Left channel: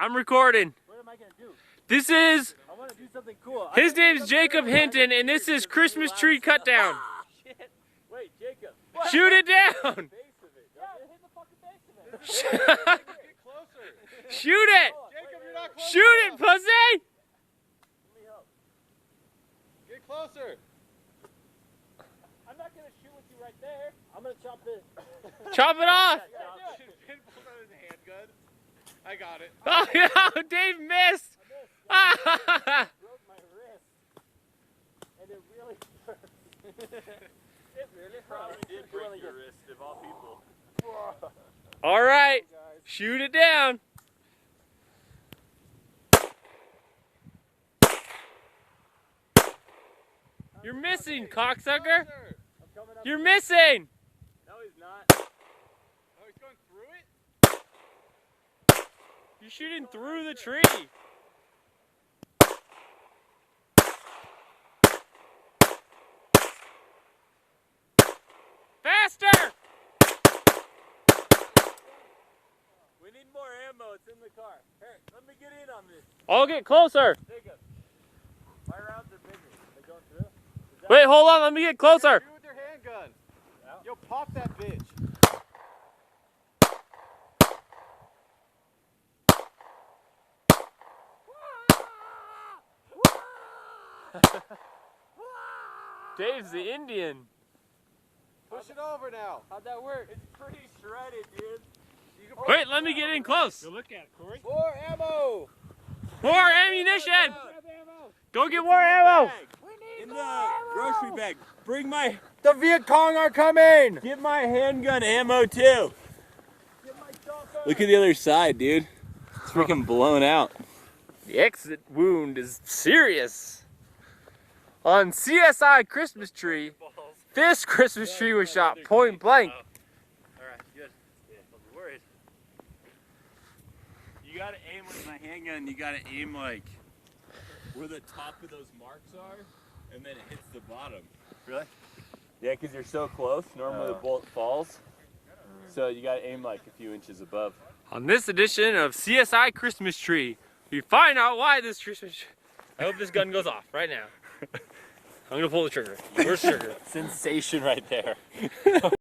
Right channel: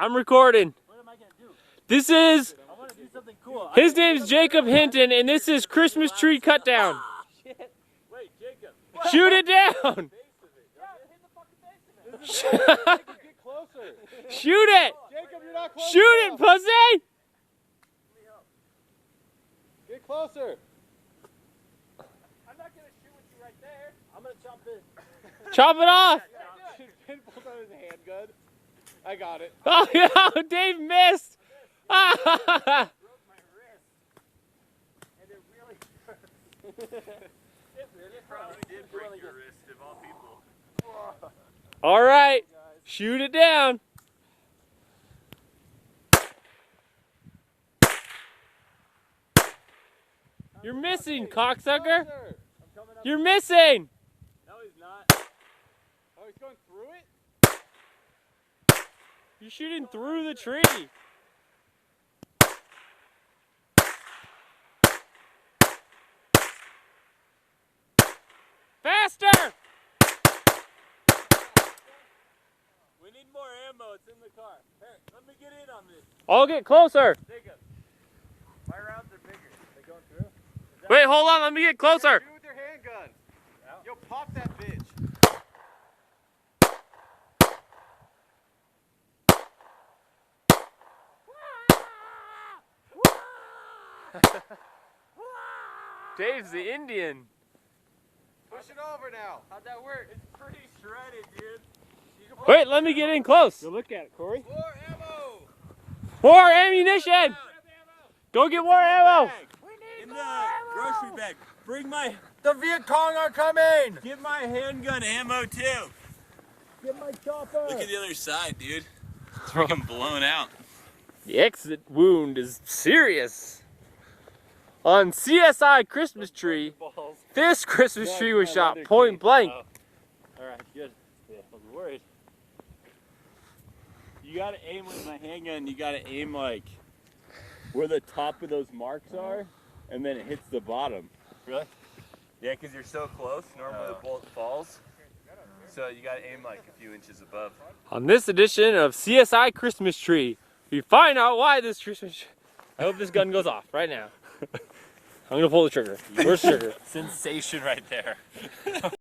I'm recording. What am I gonna do? This is. I want to do something cool. His name's Jacob Hinton, and this is Christmas tree cut down. Shit. Wait, Jacob. Shoot it down. Yeah, hit the fucking base of it. Get closer. Shoot it. Jacob, you're not close. Shoot it, pussy. Let me help. Get closer. I'm not gonna shoot with you right there. I'm gonna chop this. Chop it off. Pin pulls out his handgun. I got it. Oh no, Dave missed. I broke my wrist. And it really hurt. It really hurt. Probably did break your wrist of all people. All right, shoot it down. You're missing, cocksucker. You're missing. No, he's not. Oh, he's going through it? You're shooting through the tree. Faster! We need more ammo. It's in the car. Hey, let me get in on this. I'll get closer. Jacob. My rounds are bigger. They going through? Wait, hold on. Let me get closer. Shoot with your handgun. Yo, pop that bitch. Dave's the Indian. Push it over now. How'd that work? It's pretty shredded, dude. You can Wait, let me get in close. look at it, Corey. More ammo. More ammunition. Go get more ammo. In the grocery bag. Bring my. The Viet Cong are coming. Get my handgun ammo too. Get my chopper. Look at the other side, dude. It's freaking blown out. The exit wound is serious. On CSI Christmas Tree, this Christmas tree was shot point blank. Alright, good. Yeah, I'm worried. You gotta aim with my handgun. You gotta aim like where the top of those marks are, and then it hits the bottom. Really? Yeah, because you're so close. Normally the bullet falls. So you gotta aim like a few inches above. On this edition of CSI Christmas Tree, we find out why this Christmas. I hope this gun goes off right now. I'm gonna pull the trigger. Where's the trigger? Sensation right there.